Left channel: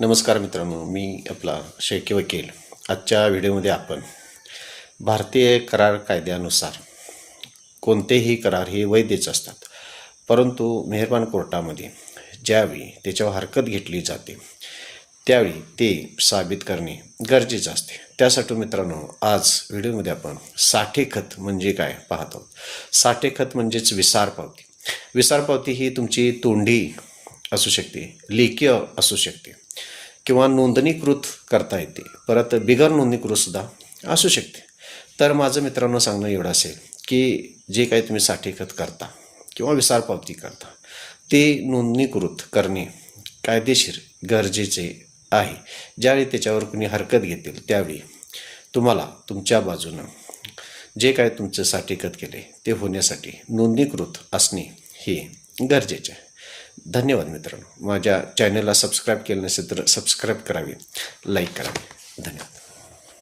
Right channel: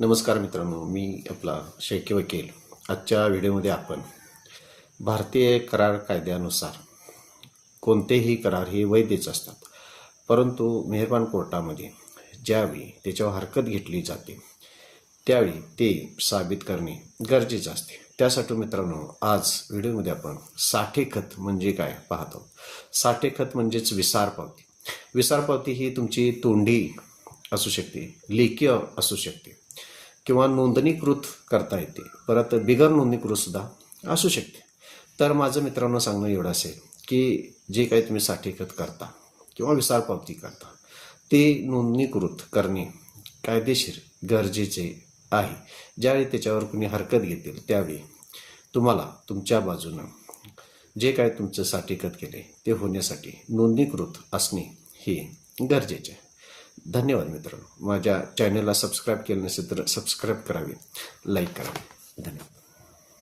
नमस्कार मित्रांनो, मी आपला शेळके वकील. आजच्या व्हिडिओमध्ये आपण भारतीय करार कायद्यानुसार कोणतेही करार हे वैधच असतात, परंतु मेहरबान कोर्टामध्ये ज्यावेळी त्याच्यावर हरकत घेतली जाते त्यावेळी ते साबित करणे गरजेचं असते. त्यासाठी मित्रांनो, आज व्हिडिओमध्ये आपण साठे खत म्हणजे काय पाहतो. साठे खत म्हणजेच विसार पावती. विसार पावती ही तुमची तोंडी असू शकते, लेखी असू शकते किंवा नोंदणीकृत करता येते, परत बिगर नोंदणीकृत सुद्धा असू शकते. तर माझं मित्रांनो सांगणं एवढं असेल की जे काही तुम्ही साठे खत करता किंवा विसार पावती करता ते नोंदणीकृत करणे कायदेशीर गरजेचे आहे. ज्यावेळी त्याच्यावर कुणी हरकत घेतील त्यावेळी तुम्हाला तुमच्या बाजूनं जे काय तुमचं साठे खत केले ते होण्यासाठी नोंदणीकृत असणे हे गरजेचे आहे. धन्यवाद मित्रांनो. माझ्या चॅनलला सबस्क्राईब केलं नसेल तर सबस्क्राईब करावे, लाईक करावे. धन्यवाद.